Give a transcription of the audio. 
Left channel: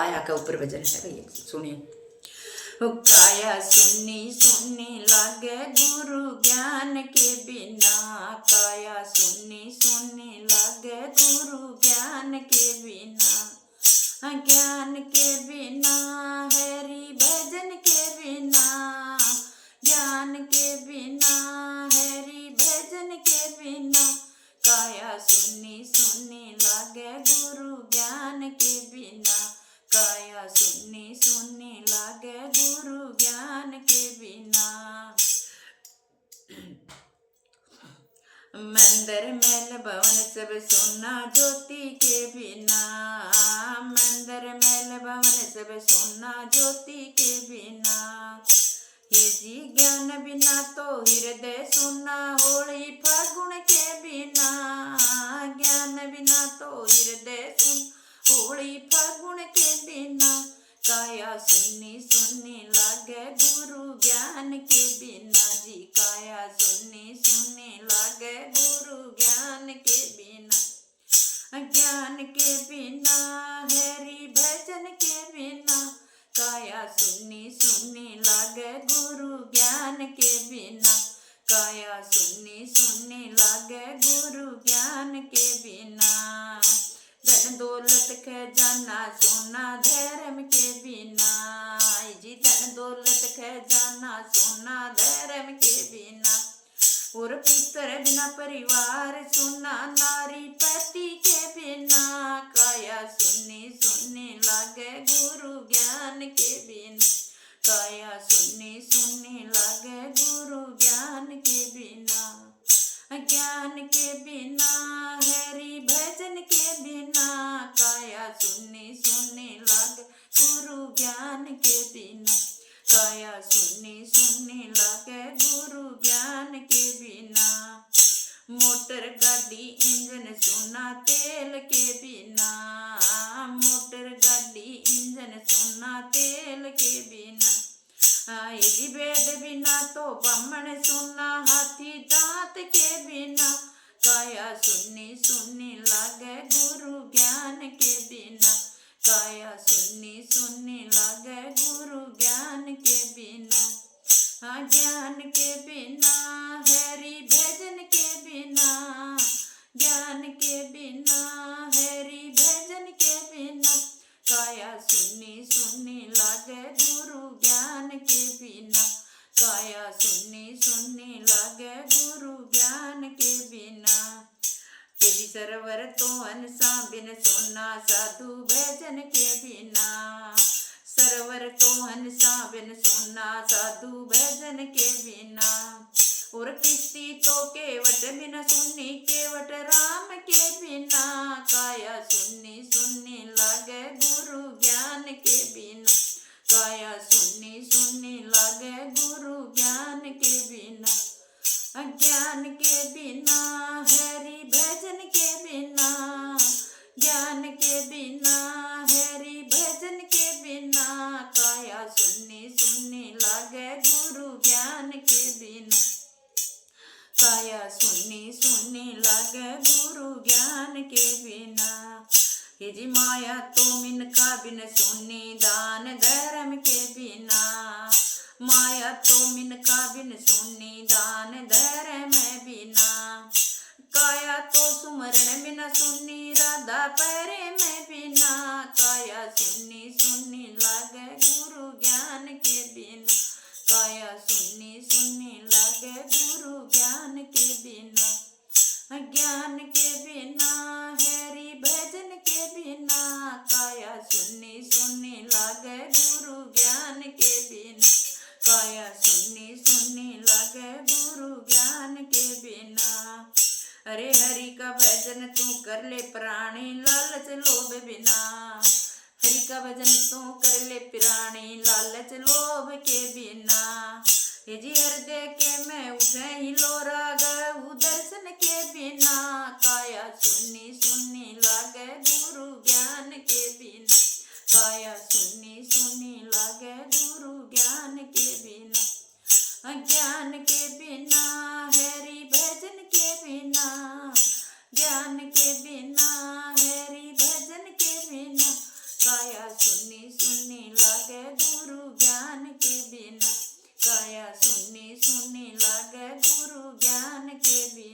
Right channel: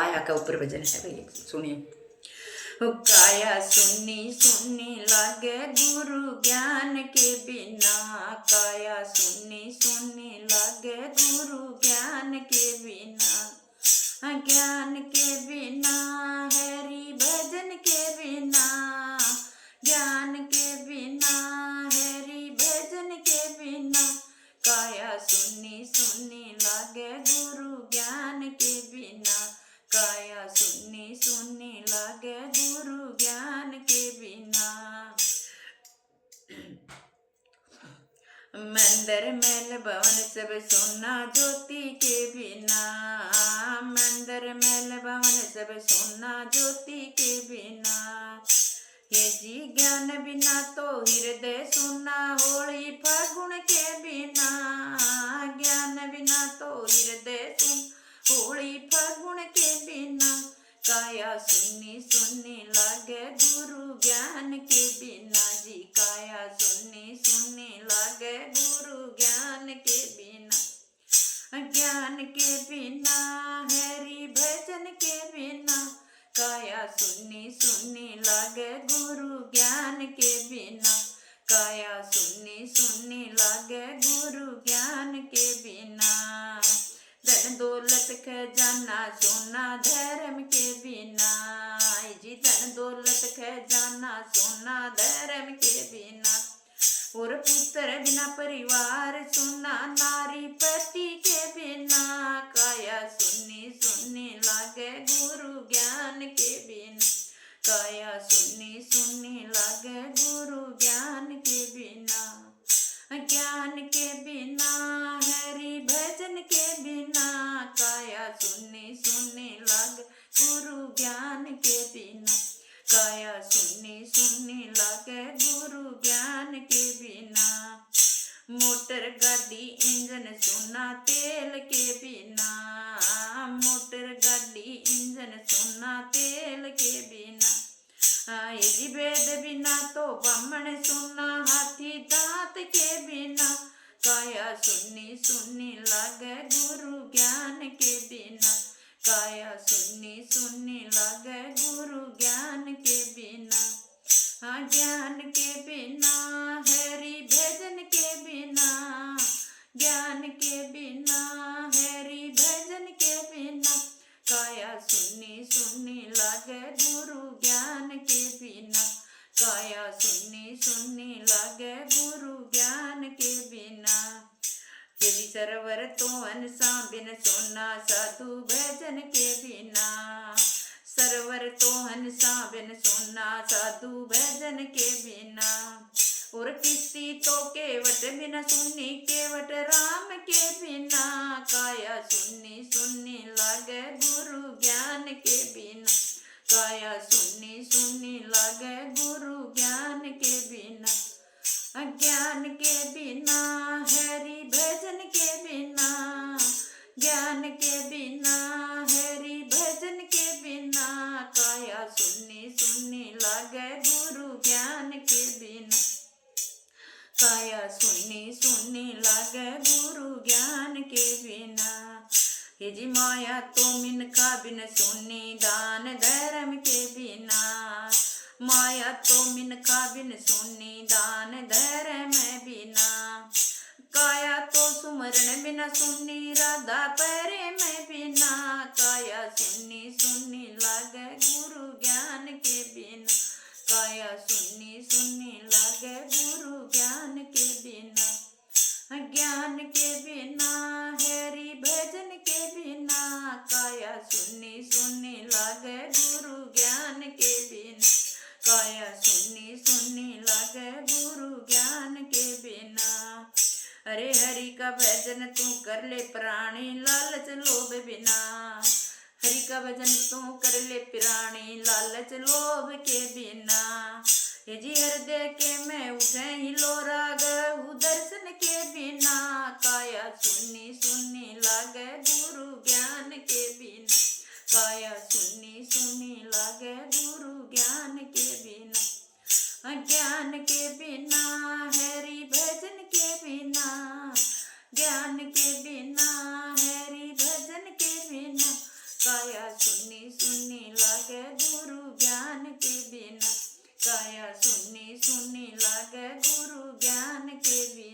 आया का ऊपर भजन है भैया, सुनिए। काया सुन्नी सुन्नी लागे गुरु ज्ञान के बिना, काया सुन्नी सुन्नी लागे गुरु ज्ञान के बिना, ज्ञान के बिना हरि भजन के बिना, ज्ञान के बिना हरि भजन के बिना, काया सुन्नी सुन्नी लागे गुरु ज्ञान के बिना, काया सुन्नी सुन्नी लागे गुरु ज्ञान के बिना। मंदिर महल भवन सब सोना ज्योति के बिना, मंदिर महल भवन सब सोना ज्योति के बिना, ये जी ज्ञान बिना तो हृदय सुना होली फागुन के बिना, ज्ञान बिना तो हृदय सुन होली फागुन के बिना, काया सुन्नी सुन्नी लागे गुरु ज्ञान के बिना जी, काया सुन्नी सुन्नी लागे गुरु ज्ञान के बिना, ज्ञान के बिना हरि भजन के बिना, काया सुन्नी सुन्नी लागे गुरु ज्ञान के बिना, काया सुन्नी सुन्नी लागे गुरु ज्ञान के बिना, धन दौलत खजाना सोना धर्म के बिना, जी धन दौलत खजाना सोना धर्म के बिना, और पुत्र बिना परिवार सुना नारी पति के बिना, काया सुन्नी सुन्नी लागे गुरु ज्ञान के बिना, काया सुन्नी सुन्नी लागे गुरु ज्ञान के बिना, ज्ञान के बिना हरि भजन के बिना, काया सुन्नी सुन्नी लागे गुरु ज्ञान के बिना, काया सुन्नी सुन्नी लागे गुरु ज्ञान के बिना, मोटर गाड़ी इंजन सुना तेल के बिना, मोटर गाड़ी इंजन सुना तेल के बिना, यदि वेद बिना तो ब्राह्मण सुना हाथी दांत के बिना, काया सुन्नी सुन्नी लागे गुरु ज्ञान के बिना, काया सुन्नी सुन्नी लागे गुरु ज्ञान के बिना, ज्ञान के बिना हरि भजन के बिना, ज्ञान के बिना हरि भजन के बिना, काया सुन्नी सुन्नी लागे गुरु ज्ञान के बिना, काया सुन्नी सुन्नी लागे गुरु ज्ञान के बिना, यदि सरवर तो अनसा बिन सोना साधु भजन के बिना, सरवर तो हंसा बिन सोना साधु भजन के बिना, और किस्ती तो केवट बिन सुन्नी केवट राम के बिना, काया सुन्नी सुन्नी लागे गुरु ज्ञान के बिना, काया सुन्नी सुन्नी लागे गुरु ज्ञान के बिना, ज्ञान के बिना हरि भजन के बिना, ज्ञान के बिना हरि भजन के बिना, काया सुन्नी सुन्नी लागे गुरु ज्ञान के बिना, काया सुन्नी सुन्नी लागे गुरु ज्ञान के बिना, हे जी माया तो मिनका बिन सुन्नी दान धर्म के बिना, माया तो मिनका बिन सुन्नी दान धर्म बिना, काया तो सुमरण बिना सुन्नी राधा प्रेम बिना, काया सुन्नी सुन्नी लागे गुरु ज्ञान के बिना, काया सुन्नी सुन्नी लागे गुरु ज्ञान के बिना, ज्ञान के बिना हरि भजन के बिना, काया सुन्नी सुन्नी लागे गुरु ज्ञान के बिना, काया सुन्नी सुन्नी लागे गुरु ज्ञान के बिना, हरे हरि का भजन तू कर ले प्राणी लालच लोभ बिना, हरि का भजन तू कर ले प्राणी लालच लोभ के बिना, ये जी हृदय के में उठे ही लो राग दर्शन के बिना, काया सुन्नी सुन्नी लागे गुरु ज्ञान के बिना, काया सुन्नी सुन्नी लागे गुरु ज्ञान के बिना, ज्ञान के बिना हरि भजन के बिना, ज्ञान के बिना हरि भजन के बिना, काया सुन्नी सुन्नी लागे गुरु ज्ञान के बिना, काया सुन्नी सुन्नी लागे गुरु ज्ञान के बिना।